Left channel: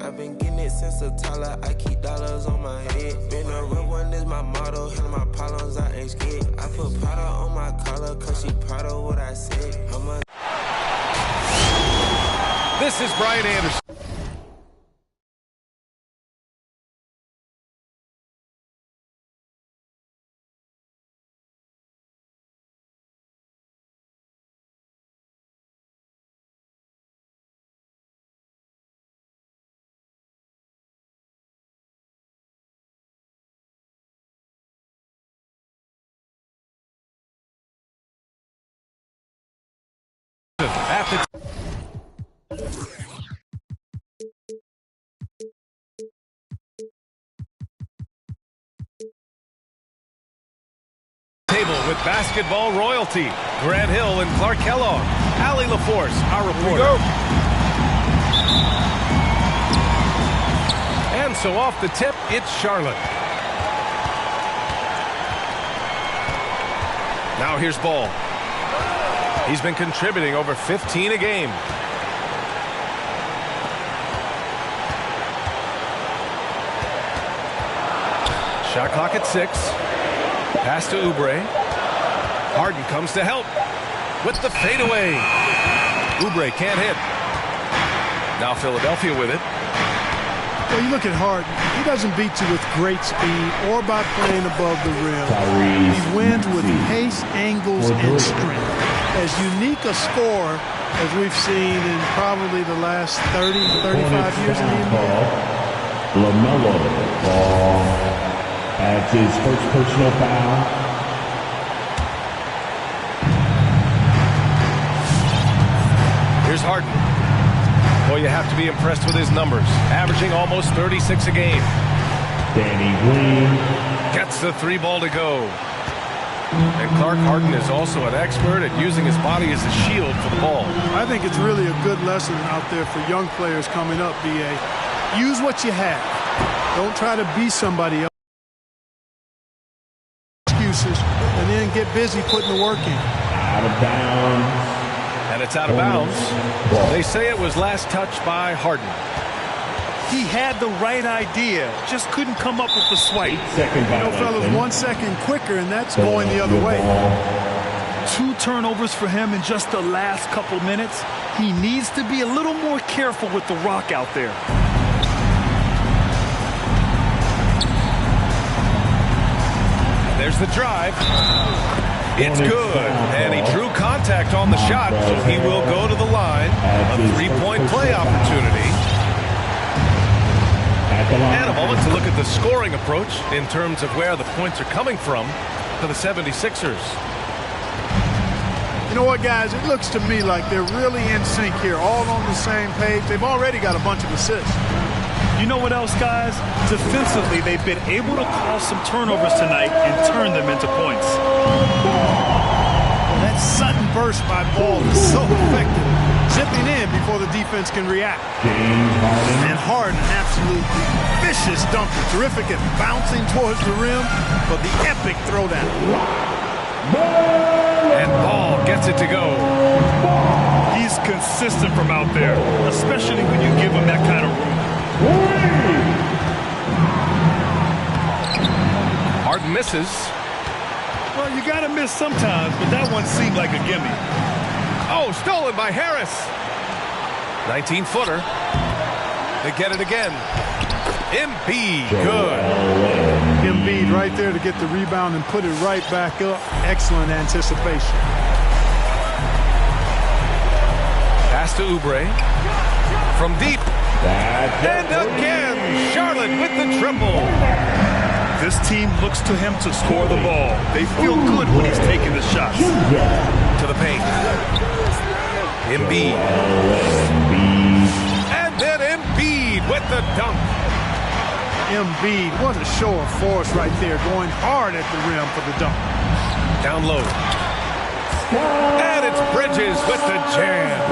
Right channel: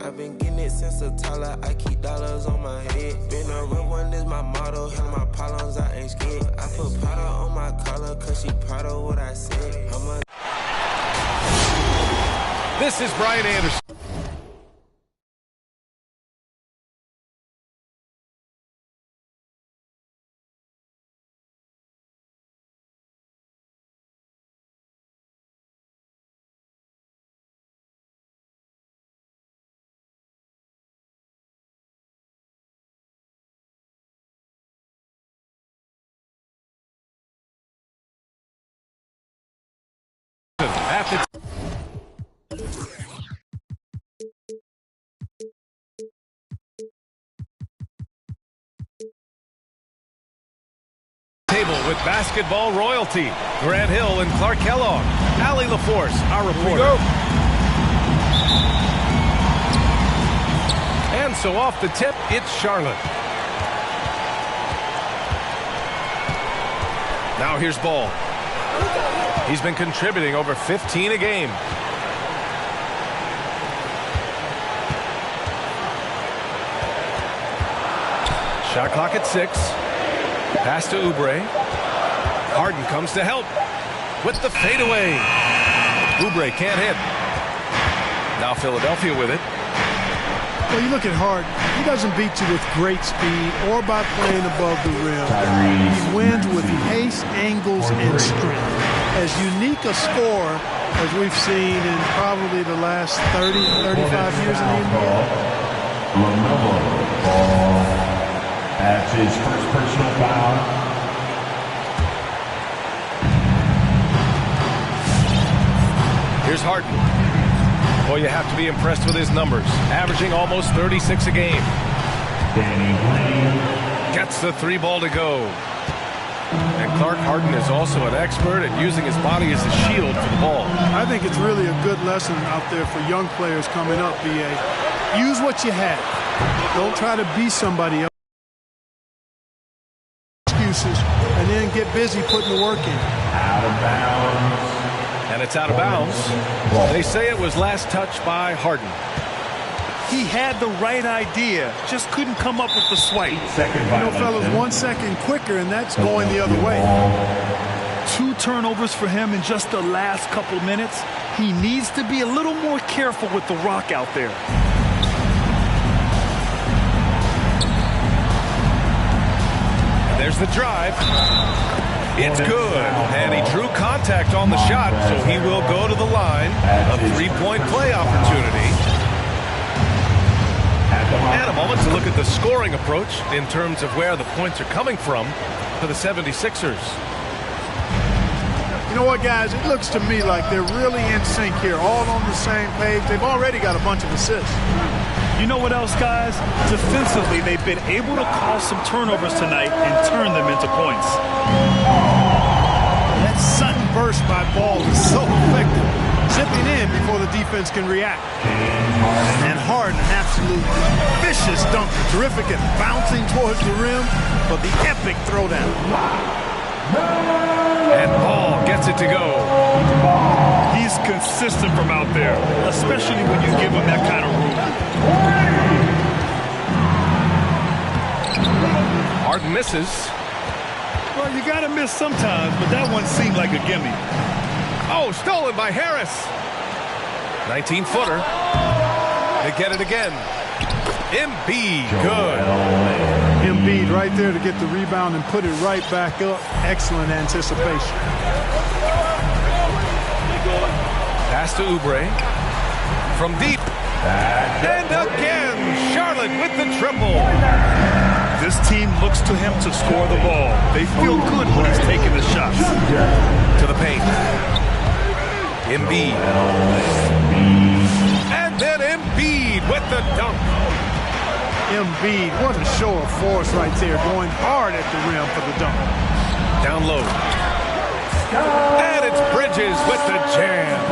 I've been getting it since a toddler. I keep dollars on my head. Been a real one is my motto. Handle my problems, I ain't scared. I put powder on my collar, cause she proud of what I said. This is Brian Anderson. At the table with basketball royalty, Grant Hill and Clark Kellogg. Allie LaForce, our reporter. And so off the tip, it's Charlotte. Now here's Ball. He's been contributing over 15 a game. Shot clock at 6. Pass to Oubre. Harden comes to help with the fadeaway. Oubre can't hit. Now Philadelphia with it. Well, you look at Harden. He doesn't beat you with great speed or by playing above the rim. He wins with pace, angles, and strength. As unique a scorer as we've seen in probably the last 30, 35 years in the NBA. LaMelo Ball. That's his first personal foul. Here's Harden. Boy, you have to be impressed with his numbers. Averaging almost 36 a game. Danny Green. Gets the 3 ball to go. And Clark, Harden is also an expert at using his body as a shield for the ball. I think it's really a good lesson out there for young players coming up, B.A. Use what you have. Don't try to be somebody else. Excuses, and then get busy putting the work in. Out of bounds. And it's out of bounds. They say it was last touched by Harden. He had the right idea, just couldn't come up with the swipe. You know, fellas, 1 second quicker, and that's going the other way. 2 turnovers for him in just the last couple minutes. He needs to be a little more careful with the rock out there. And there's the drive. It's good, and he drew contact on the shot, so he will go to the line. A 3-point play opportunity. And a moment to look at the scoring approach in terms of where the points are coming from for the 76ers. You know what, guys? It looks to me like they're really in sync here, all on the same page. They've already got a bunch of assists. You know what else, guys? Defensively, they've been able to cause some turnovers tonight and turn them into points. Well, that sudden burst by Ball is so effective. Zipping in before the defense can react. And Harden, an absolute vicious dunker. Terrific at bouncing towards the rim, but the epic throwdown. And Ball gets it to go. He's consistent from out there, especially when you give him that kind of room. Harden misses. Well, you got to miss sometimes, but that one seemed like a gimme. Oh, stolen by Harris. 19-footer. They get it again. Embiid, good. Embiid right there to get the rebound and put it right back up. Excellent anticipation. Pass to Oubre. From deep. And again, Charlotte with the triple. This team looks to him to score the ball. They feel good when he's taking the shots. To the paint. Embiid. And then Embiid with the dunk. Embiid, what a show of force right there, going hard at the rim for the dunk. Down low. And it's Bridges with the jam.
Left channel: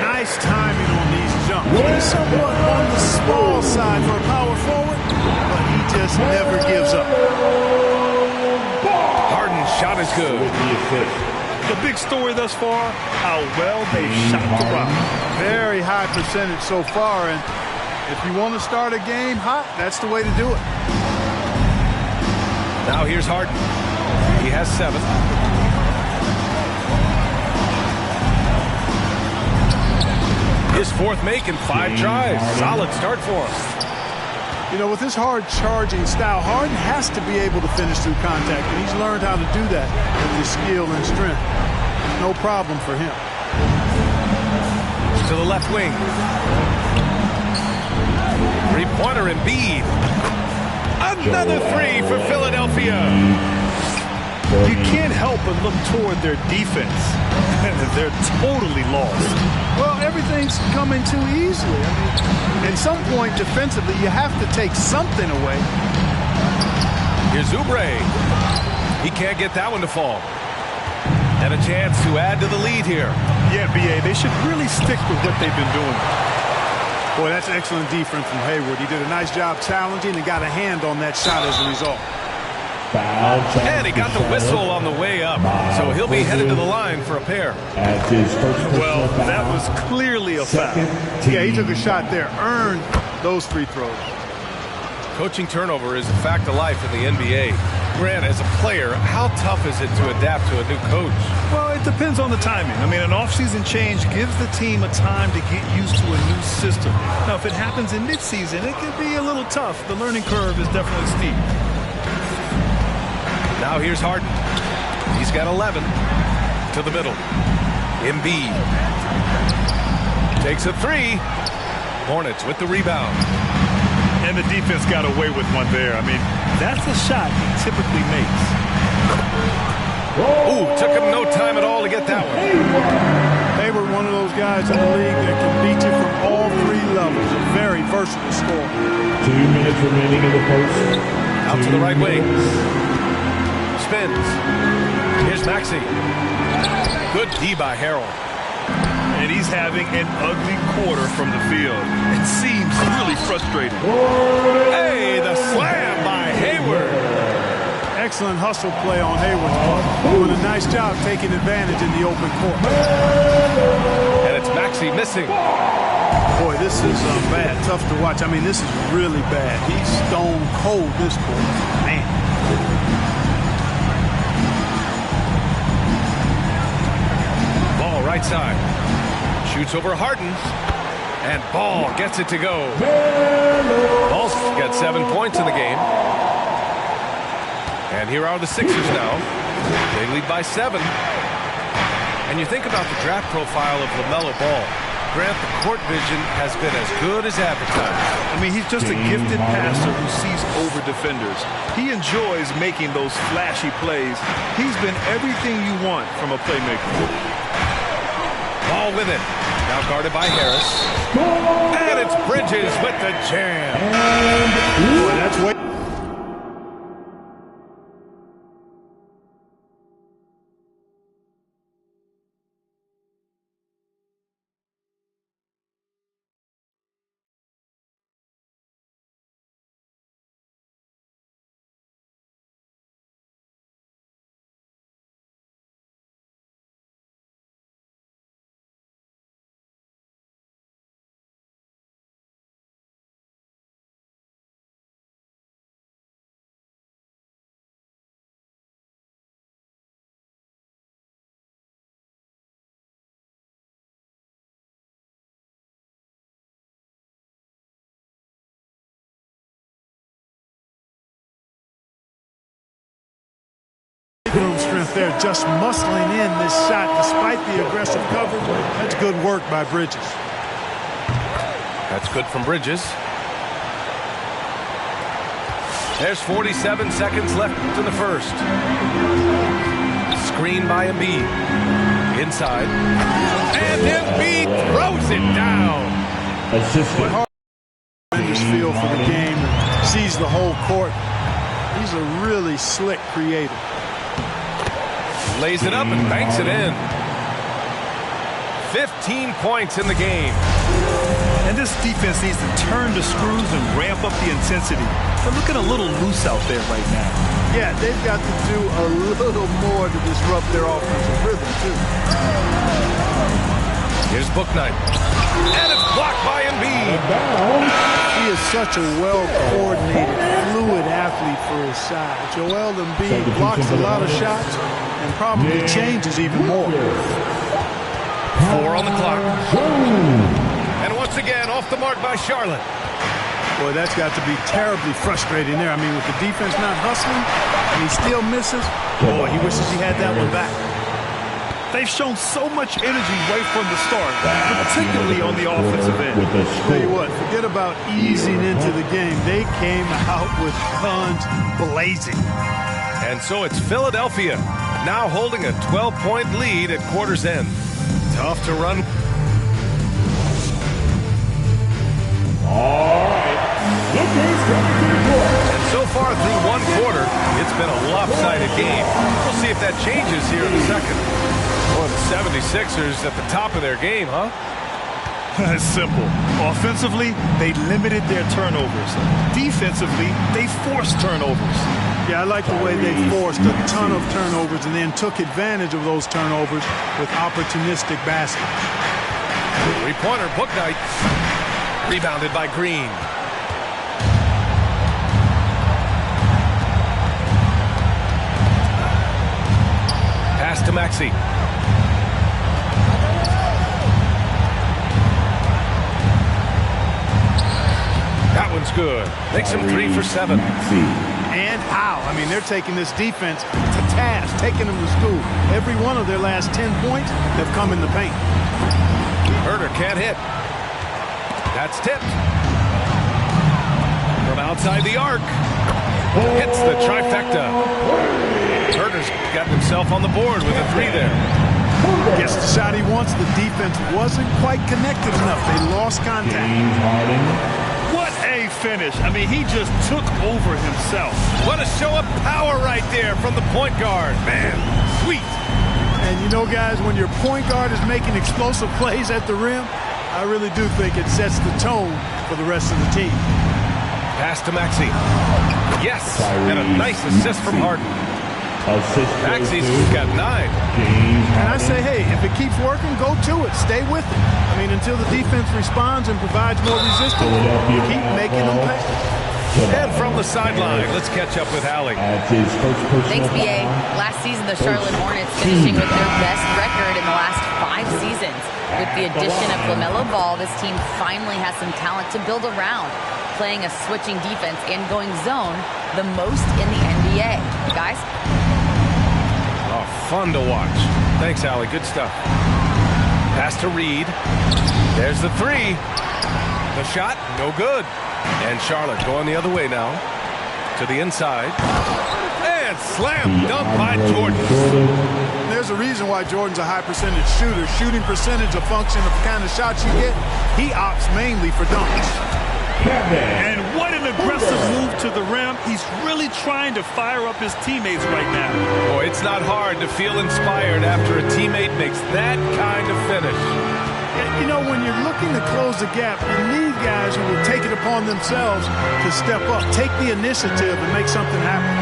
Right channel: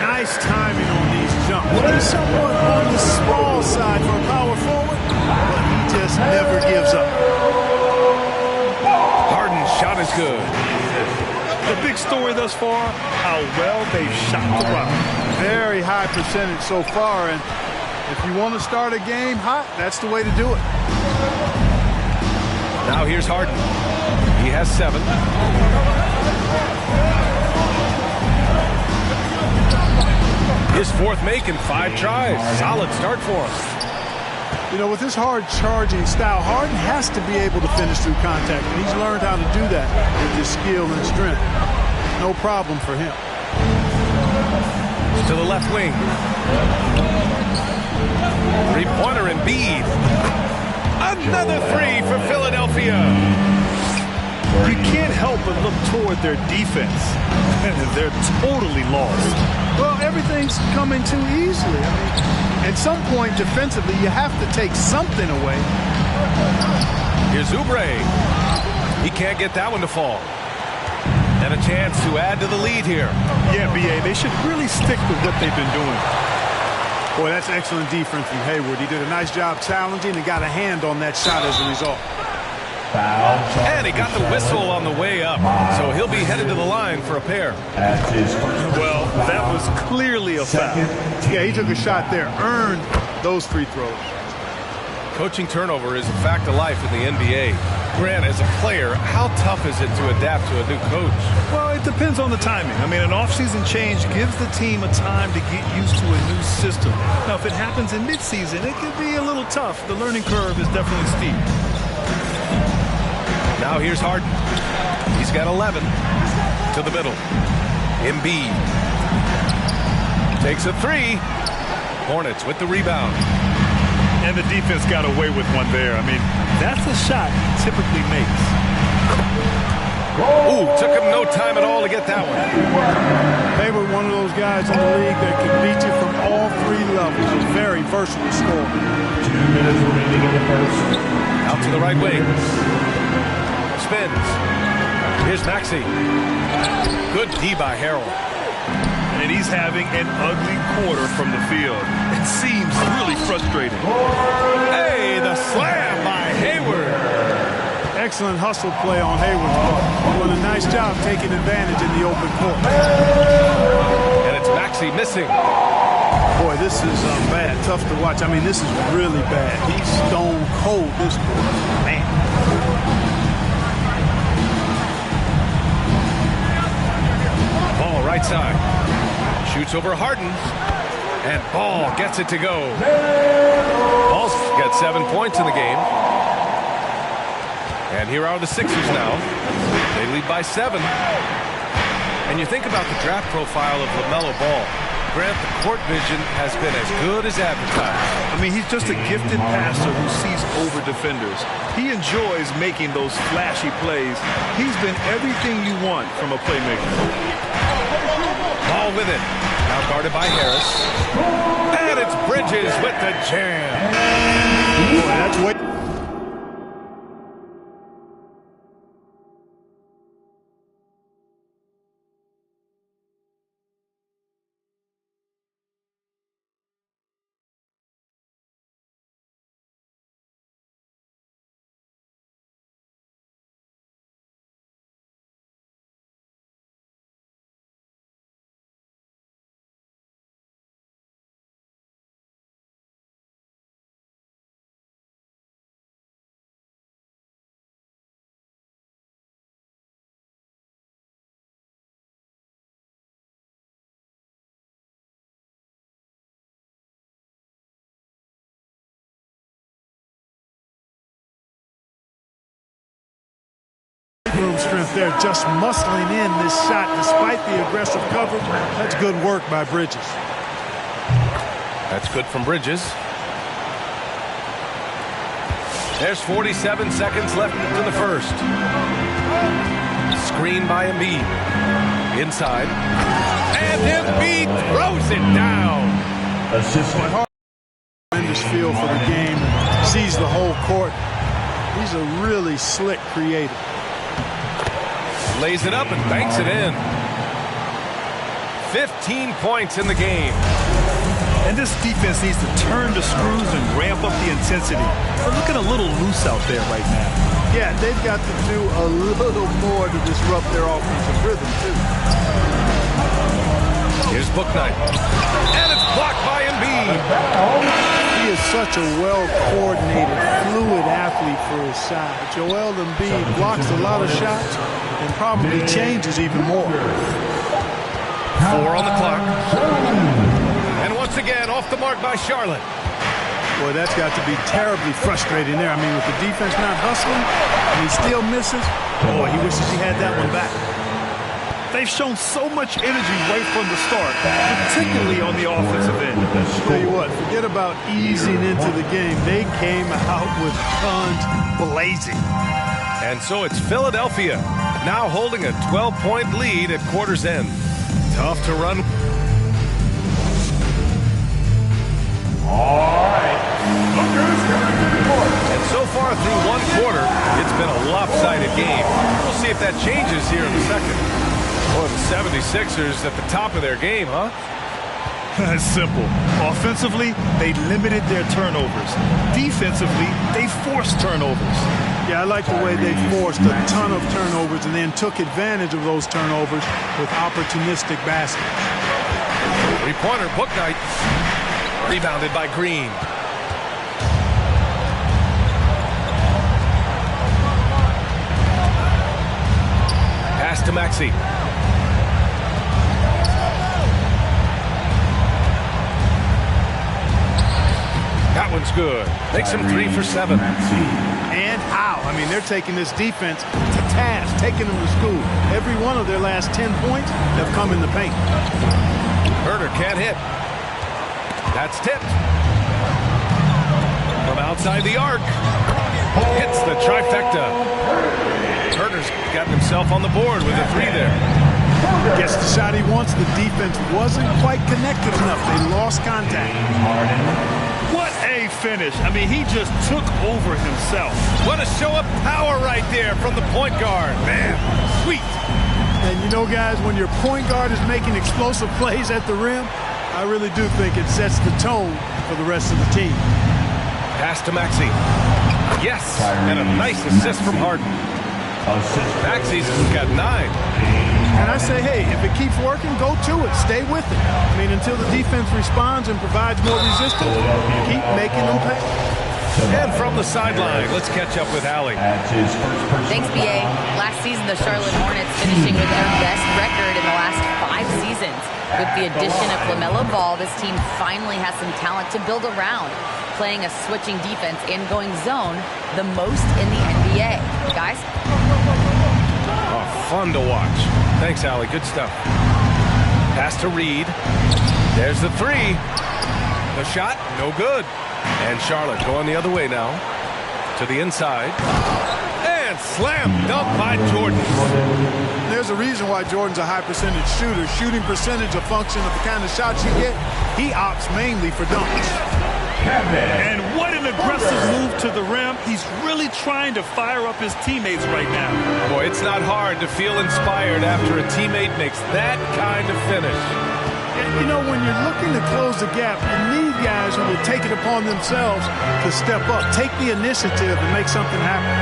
Nice timing on these jumps. He's somewhat on the small side for a power forward, but he just never gives up. Harden's shot is good. The big story thus far, how well they've shot the rock. Very high percentage so far, and if you want to start a game hot, that's the way to do it. Now here's Harden. He has 7. His 4th make in 5 tries. Solid start for him. You know, with his hard charging style, Harden has to be able to finish through contact, and he's learned how to do that with his skill and strength. No problem for him. To the left wing. 3-pointer Embiid. Another 3 for Philadelphia. You can't help but look toward their defense. They're totally lost. Well, everything's coming too easily. I mean, at some point defensively, you have to take something away. Here's Oubre. He can't get that one to fall. And a chance to add to the lead here. Yeah, B.A., they should really stick with what they've been doing. Boy, that's excellent defense from Hayward. He did a nice job challenging and got a hand on that shot as a result. And he got the whistle on the way up, so he'll be headed to the line for a pair. Well, that was clearly a foul. Yeah, he took a shot there, earned those free throws. Coaching turnover is a fact of life in the NBA. Grant, as a player, how tough is it to adapt to a new coach? Well, it depends on the timing. I mean, an offseason change gives the team a time to get used to a new system. Now, if it happens in midseason, it could be a little tough. The learning curve is definitely steep. Now here's Harden. He's got 11. To the middle. Embiid. Takes a 3. Hornets with the rebound. And the defense got away with one there. I mean, that's a shot he typically makes. Ooh, took him no time at all to get that one. Hayward, one of those guys in the league that can beat you from all 3 levels. A very versatile scorer. 2 minutes remaining in the first. Out to the right wing. Spins. Here's Maxey. Good D by Harrell. And he's having an ugly quarter from the field. It seems really frustrating. Hey, the slam by Hayward. Excellent hustle play on Hayward's part. Doing a nice job taking advantage in the open court. And it's Maxey missing. Boy, this is bad. Tough to watch. I mean, this is really bad. He's stone cold this quarter. Man. Ball right side. Shoots over Harden. And Ball gets it to go. Ball's got 7 points in the game. And here are the Sixers now. They lead by 7. And you think about the draft profile of LaMelo Ball. Grant, the court vision has been as good as advertised. I mean, he's just a gifted passer who sees over defenders. He enjoys making those flashy plays. He's been everything you want from a playmaker. Ball with it. Now guarded by Harris. And it's Bridges with the jam. Boy, that's way. Room strength there, just muscling in this shot despite the aggressive coverage. That's good work by Bridges. That's good from Bridges. There's 47 seconds left in the first. Screen by Embiid. Inside. And Embiid throws it down. Tremendous feel for the game and sees the whole court. He's a really slick creator. Lays it up and banks it in. 15 points in the game. And this defense needs to turn the screws and ramp up the intensity. They're looking a little loose out there right now. Yeah, they've got to do a little more to disrupt their offensive rhythm, too. Here's Bouknight. And it's blocked by Embiid. He is such a well-coordinated, fluid athlete for his size. Joel Embiid blocks a lot of shots and probably changes even more. 4 on the clock. And once again, off the mark by Charlotte. Boy, that's got to be terribly frustrating there. I mean, with the defense not hustling, and he still misses. Boy, he wishes he had that one back. They've shown so much energy right from the start, particularly on the offensive end. Tell you what, forget about easing into the game. They came out with guns blazing. And so it's Philadelphia, now holding a 12-point lead at quarter's end. Tough to run. All right. Look who's coming to the court. And so far through one quarter, it's been a lopsided game. We'll see if that changes here in the second. Boy, the 76ers at the top of their game, huh? It's simple. Offensively, they limited their turnovers. Defensively, they forced turnovers. Yeah, I like the way they forced a ton of turnovers and then took advantage of those turnovers with opportunistic baskets. Three-pointer, Bouknight. Rebounded by Green. Pass to Maxey. That one's good. Makes him 3 for 7. And how? I mean, they're taking this defense to task, taking them to school. Every one of their last 10 points have come in the paint. Herder can't hit. That's tipped. From outside the arc. Hits the trifecta. Herder's got himself on the board with a 3 there. Gets the shot he wants. The defense wasn't quite connected enough. They lost contact. What a finish. I mean, he just took over himself. What a show of power right there from the point guard. Man, sweet. And you know, guys, when your point guard is making explosive plays at the rim, I really do think it sets the tone for the rest of the team. Pass to Maxey. Yes, and a nice assist from Harden. Maxey's got 9. And I say, hey, if it keeps working, go to it. Stay with it. I mean, until the defense responds and provides more resistance, keep making them pay. And from the sideline, let's catch up with Allie. Thanks, B.A. Last season, the Charlotte Hornets finishing with their best record in the last 5 seasons. With the addition of LaMelo Ball, this team finally has some talent to build around, playing a switching defense and going zone the most in the NBA. Guys? Oh, fun to watch. Thanks, Allie. Good stuff. Pass to Reed. There's the 3. The shot, no good. And Charlotte going the other way now. To the inside. And slam dunk by Jordan. There's a reason why Jordan's a high percentage shooter. Shooting percentage a function of the kind of shots you get. He opts mainly for dunks. And what an aggressive move to the rim. He's really trying to fire up his teammates right now. Boy, it's not hard to feel inspired after a teammate makes that kind of finish. You know, when you're looking to close the gap, you need guys who will take it upon themselves to step up, take the initiative, and make something happen.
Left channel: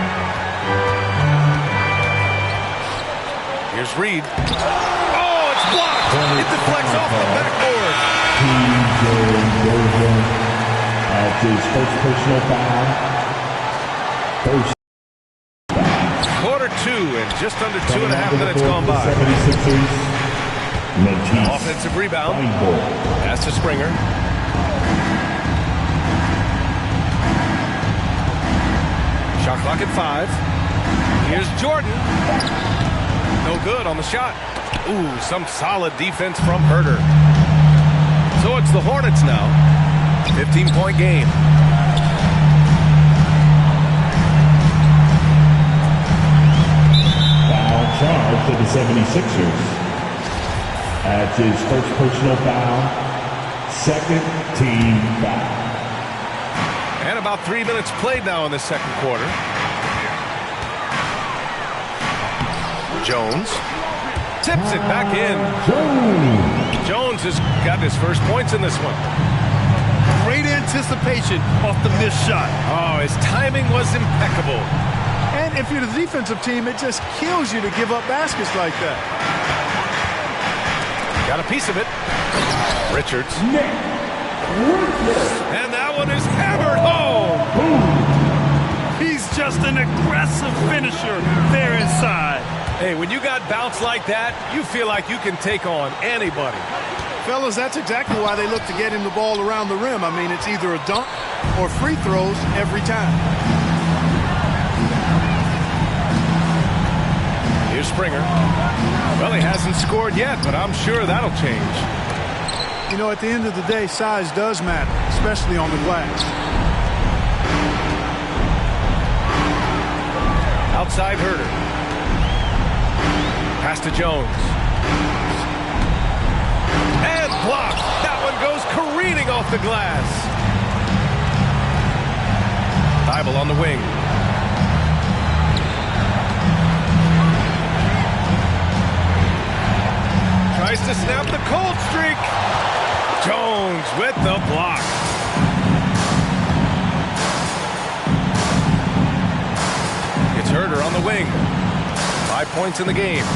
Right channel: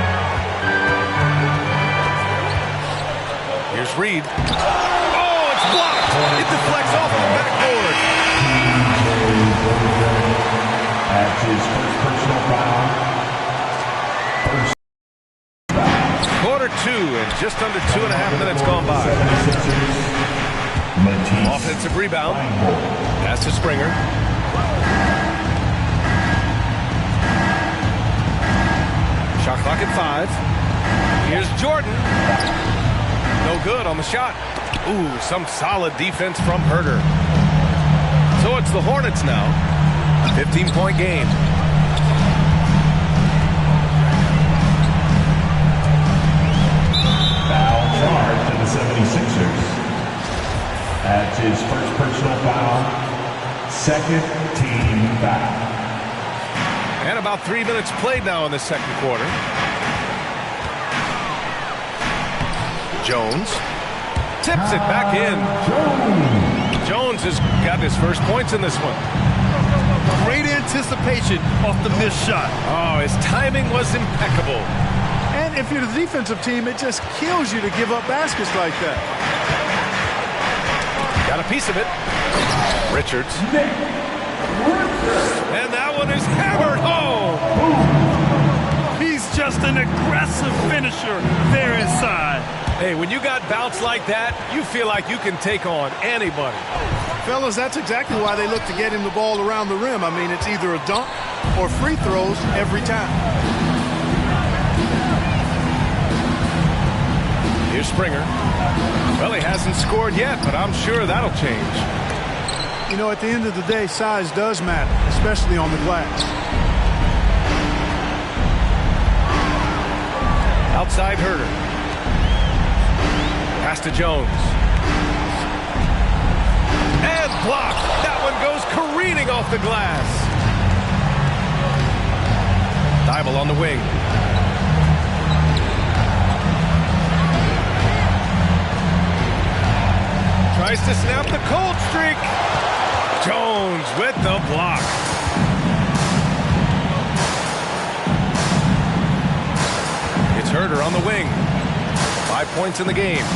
Here's Reed. Oh, it's blocked. It deflects off the backboard. That's his first personal foul. Quarter 2 and just under 2.5 minutes gone by. Offensive rebound. Pass to Springer. Shot clock at 5. Here's Jordan. No good on the shot. Ooh, some solid defense from Herder. So it's the Hornets now. 15-point game. Foul charge to the 76ers. That's his first personal foul. Second team foul. And about 3 minutes played now in the second quarter. Jones tips it back in. Jones has got his first points in this one. great anticipation off the missed shot. Oh, his timing was impeccable. And if you're the defensive team, it just kills you to give up baskets like that. Got a piece of it. Richards. And that one is hammered home. He's just an aggressive finisher there inside. Hey, when you got bounce like that, you feel like you can take on anybody. Fellas, that's exactly why they look to get him the ball around the rim. I mean, it's either a dunk or free throws every time. Here's Springer. Well, he hasn't scored yet, but I'm sure that'll change. You know, at the end of the day, size does matter, especially on the glass. Outside Herter. Pass to Jones. And blocked. That one goes careening off the glass. Thibault on the wing. Tries to snap the cold streak. Jones with the block. It's Herter on the wing. 5 points in the game.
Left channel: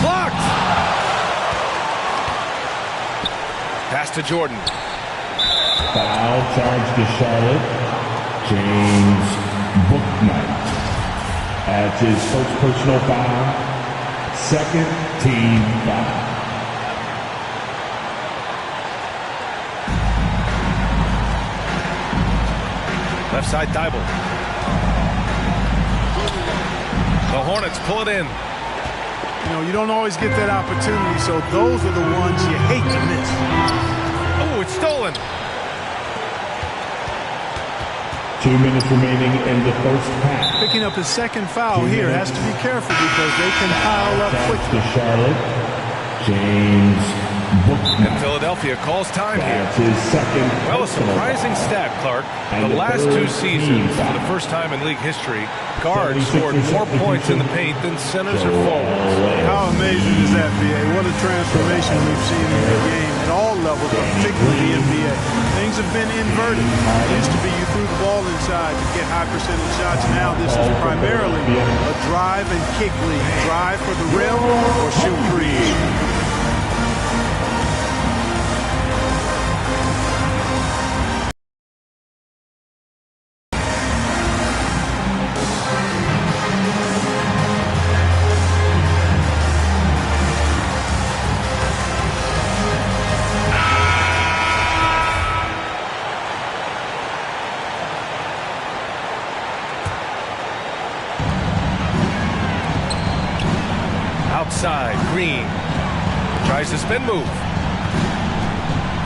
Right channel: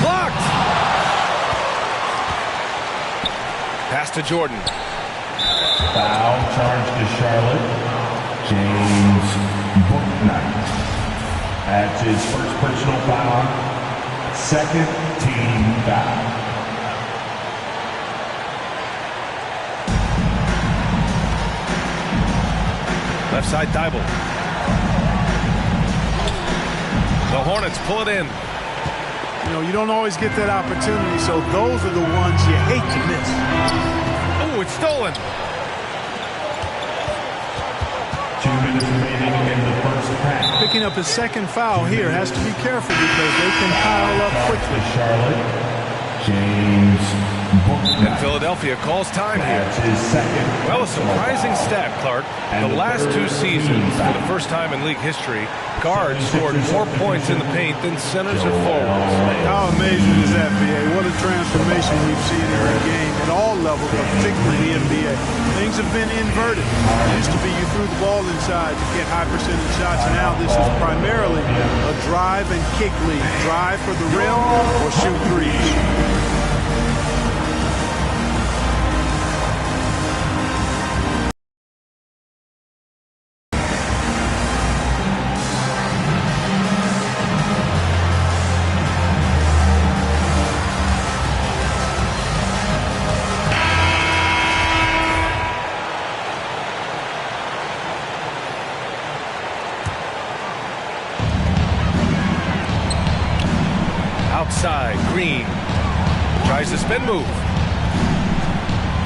Blocked. Pass to Jordan. Foul charge to Charlotte. James Bouknight. That's his first personal foul. Second team foul. Left side Thibault. The Hornets pull it in. You know, you don't always get that opportunity, so those are the ones you hate to miss. Oh, it's stolen. 2 minutes remaining in the first half. Picking up his second foul here, has to be careful because they can pile up quickly. To Charlotte, James Bouknight. And Philadelphia calls time here. That's his second. Well, a surprising stat, Clark. The last 2 seasons, for the first time in league history, guards scored more points in the paint than centers or forwards. How amazing is that, BA? What a transformation we've seen in the game at all levels, but particularly the NBA. Things have been inverted. It used to be you threw the ball inside to get high percentage shots. Now this is primarily a drive and kick league. Drive for the rim or shoot threes. Outside, Green tries to spin move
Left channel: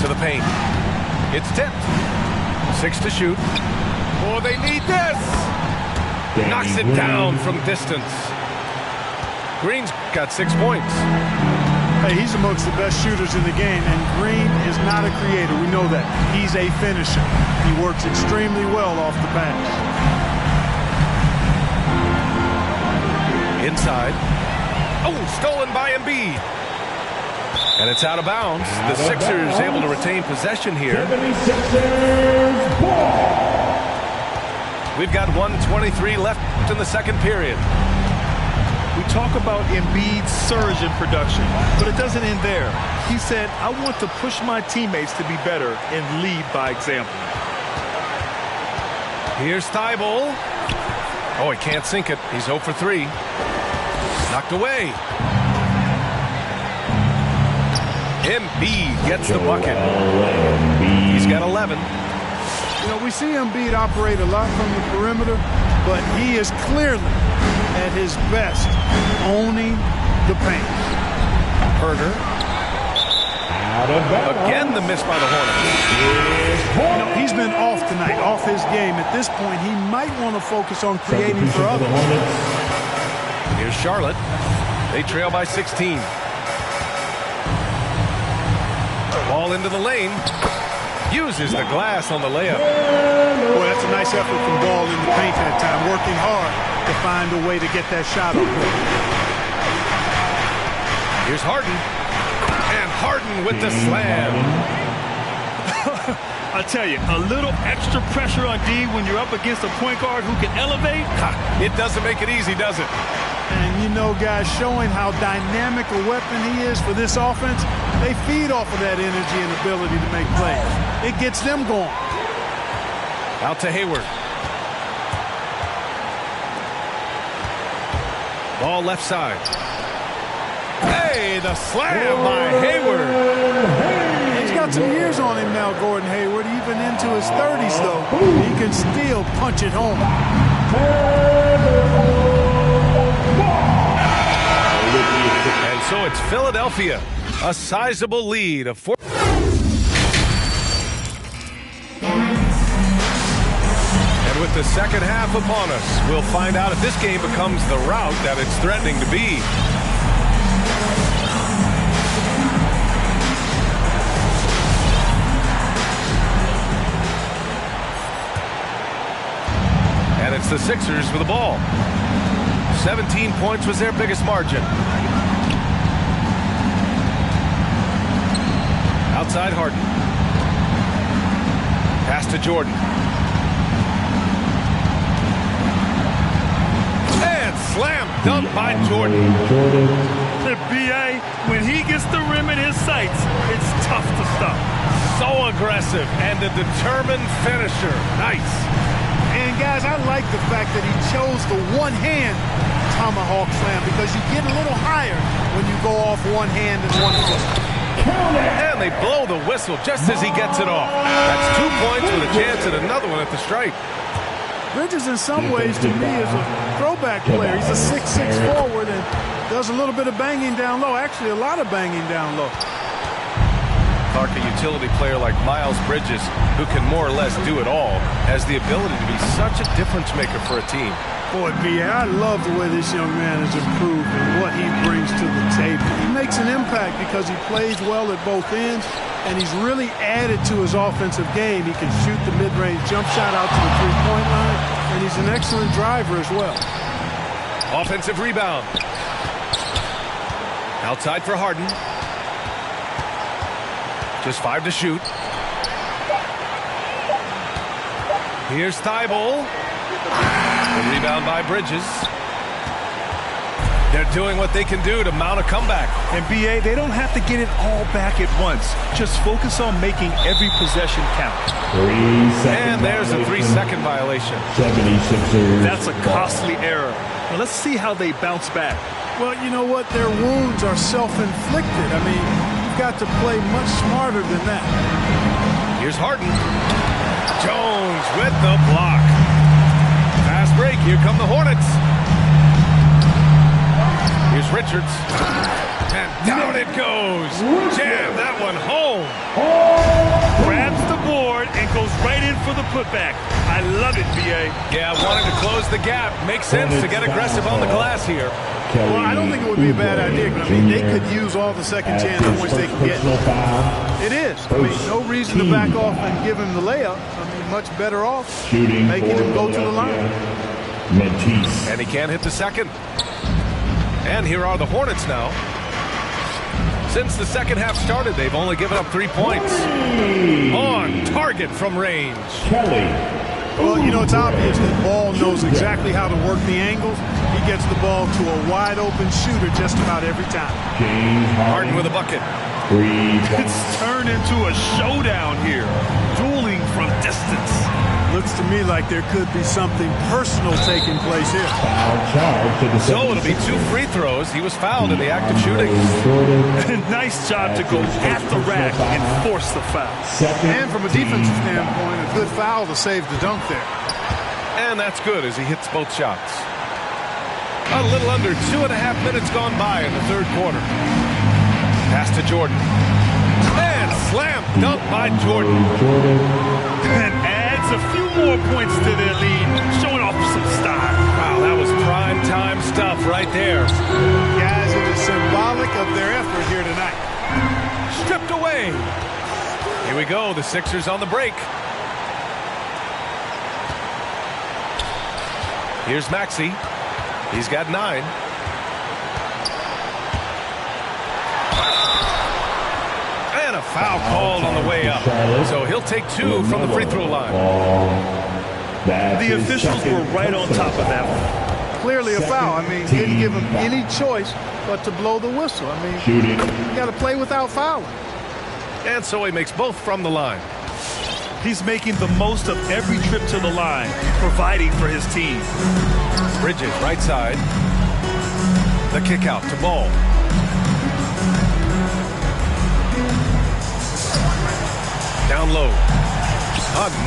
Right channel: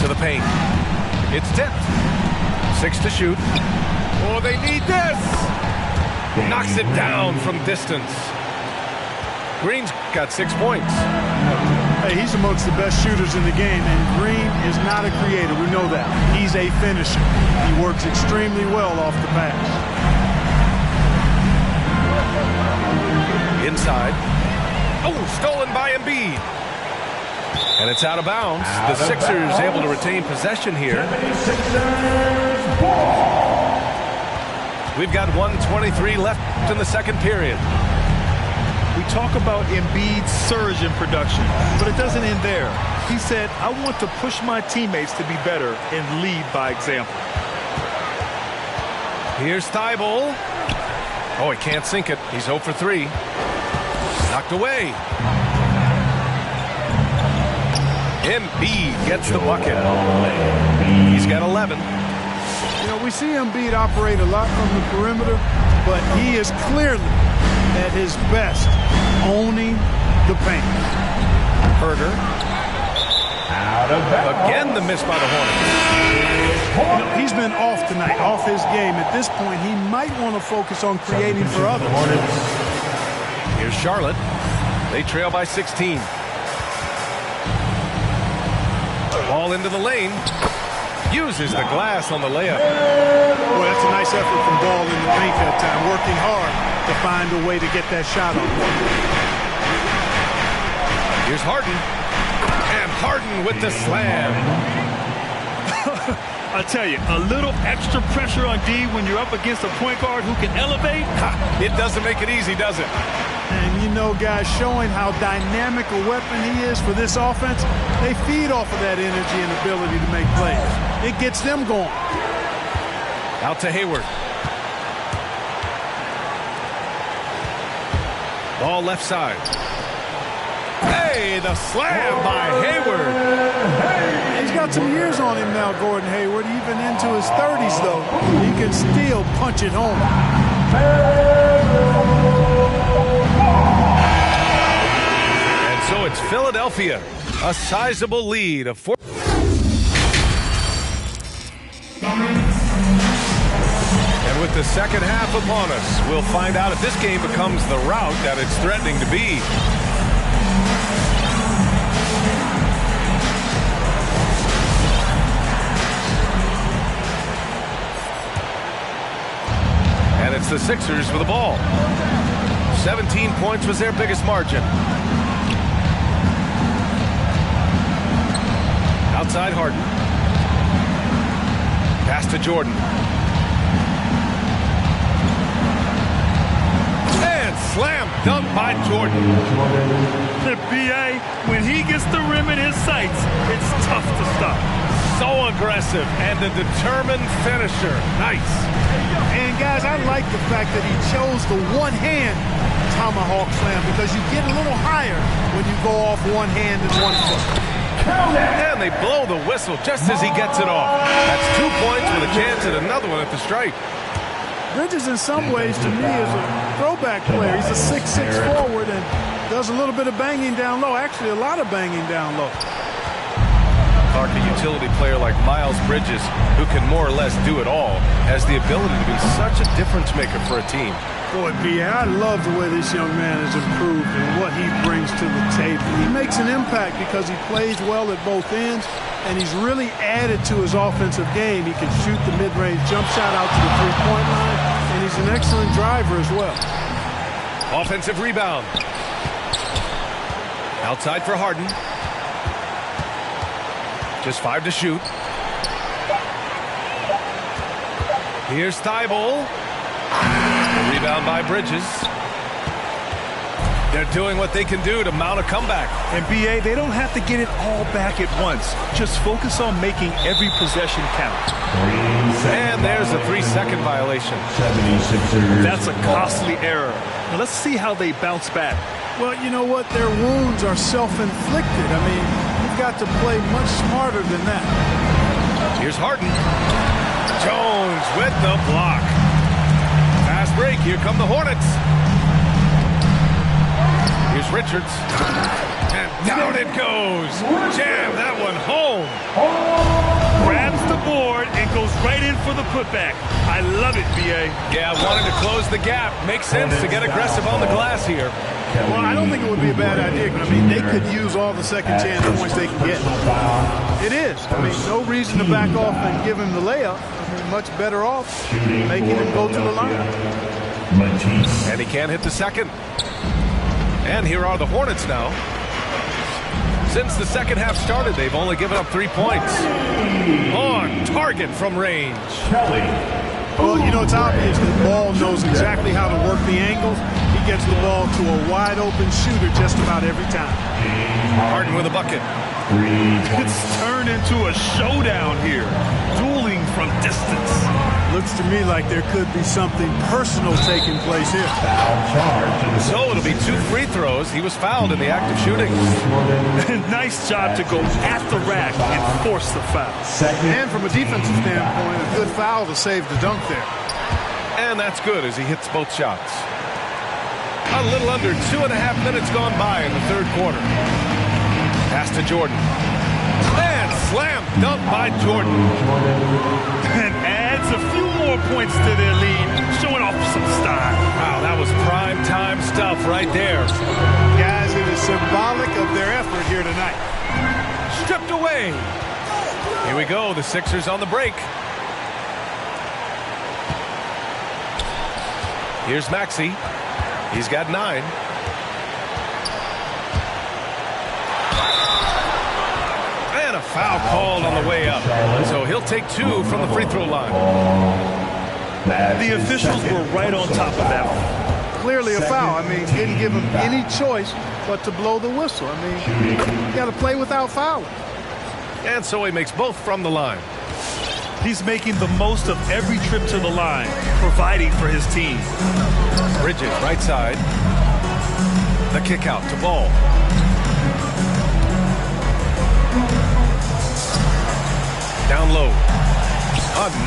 to the paint. It's tipped. 6 to shoot. Oh, they need this. Knocks it down from distance. Green's got 6 points. Hey, he's amongst the best shooters in the game, and Green is not a creator. We know that. He's a finisher. He works extremely well off the pass. Inside. Oh, stolen by Embiid. And it's out of bounds. The Sixers able to retain possession here. We've got 1:23 left in the second period. We talk about Embiid's surge in production, but it doesn't end there. He said, I want to push my teammates to be better and lead by example. Here's Thibault. Oh, he can't sink it. He's 0 for 3. Knocked away. Embiid gets the bucket. He's got 11. You know, we see Embiid operate a lot from the perimeter, but he is clearly at his best owning the paint. Herter. Out of bounds. Again, the miss by the Hornets. You know, he's been off tonight, off his game. At this point, he might want to focus on creating for others. Here's Charlotte. They trail by 16. Ball into the lane. Uses the glass on the layup. Boy, that's a nice effort from Ball in the paint that time. Working hard to find a way to get that shot up. Here's Harden. And Harden with the slam. I tell you, a little extra pressure on D when you're up against a point guard who can elevate. It doesn't make it easy, does it? And, you know, guys, showing how dynamic a weapon he is for this offense, they feed off of that energy and ability to make plays. It gets them going. Out to Hayward. Ball left side. Hey, the slam by Hayward. He's got some years on him now, Gordon Hayward. Even into his 30s, though, he can still punch it home. And so it's Philadelphia, a sizable lead of 4. And with the second half upon us, we'll find out if this game becomes the rout that it's threatening to be. And it's the Sixers with the ball. 17 points was their biggest margin. Outside Harden. Pass to Jordan. And slam dunk by Jordan. The BA, when he gets the rim in his sights, it's tough to stop. So aggressive and a determined finisher. Nice. And, guys, I like the fact that he chose the one-hand tomahawk slam because you get a little higher when you go off one hand and one foot. And they blow the whistle just as he gets it off. That's 2 points with a chance at another one at the stripe. Bridges, in some ways, to me, is a throwback player. He's a 6'6" forward and does a little bit of banging down low. Actually, a lot of banging down low. Clark, a utility player like Miles Bridges, who can more or less do it all, has the ability to be such a difference maker for a team. Boy, B.A., I love the way this young man has improved and what he brings to the table. He makes an impact because he plays well at both ends, and he's really added to his offensive game. He can shoot the mid-range jump shot out to the three-point line, and he's an excellent driver as well. Offensive rebound. Outside for Harden. Just 5 to shoot. Here's Thibault. The rebound by Bridges. They're doing what they can do to mount a comeback. And BA, they don't have to get it all back at once. Just focus on making every possession count. And there's a 3-second violation. 76ers. That's a costly error. Now let's see how they bounce back. Well, you know what? Their wounds are self-inflicted. I mean, you've got to play much smarter than that. Here's Harden. Jones with the block. Fast break. Here come the Hornets. Here's Richards. And down it goes. Jam that one home. Grabs the board and goes right in for the putback. I love it, BA. Yeah, wanting to close the gap. Makes sense to get aggressive on the glass here. Well, I don't think it would be a bad idea, but I mean, they could use all the second chance points they can get. It is. I mean, no reason to back off and give him the layup. I mean, much better off making him go to the line. And he can't hit the second. And here are the Hornets now. Since the second half started, they've only given up 3 points. On target from range. Well, you know, it's obvious that Ball knows exactly how to work the angles. He gets the ball to a wide-open shooter just about every time. Harden with a bucket. It's turned into a showdown here. Dueling from distance. Looks to me like there could be something personal taking place here. So it'll be 2 free throws. He was fouled in the act of shooting. Nice job to go at the rack and force the foul. And from a defensive standpoint, a good foul to save the dunk there. And that's good as he hits both shots. A little under 2.5 minutes gone by in the third quarter. Pass to Jordan. And slam dunk by Jordan. And adds a few more points to their lead, showing off some style. Wow, that was prime time stuff right there. Guys, it is symbolic of their effort here tonight. Stripped away. Here we go, the Sixers on the break. Here's Maxey. He's got 9. And a foul called on the way up. So he'll take 2 from the free throw line. The officials were right on top of that one. Clearly a foul. I mean, didn't give him any choice but to blow the whistle. I mean, you got to play without fouling. And so he makes both from the line. He's making the most of every trip to the line, providing for his team. Bridges, right side. The kick out to Ball. Down low. A nice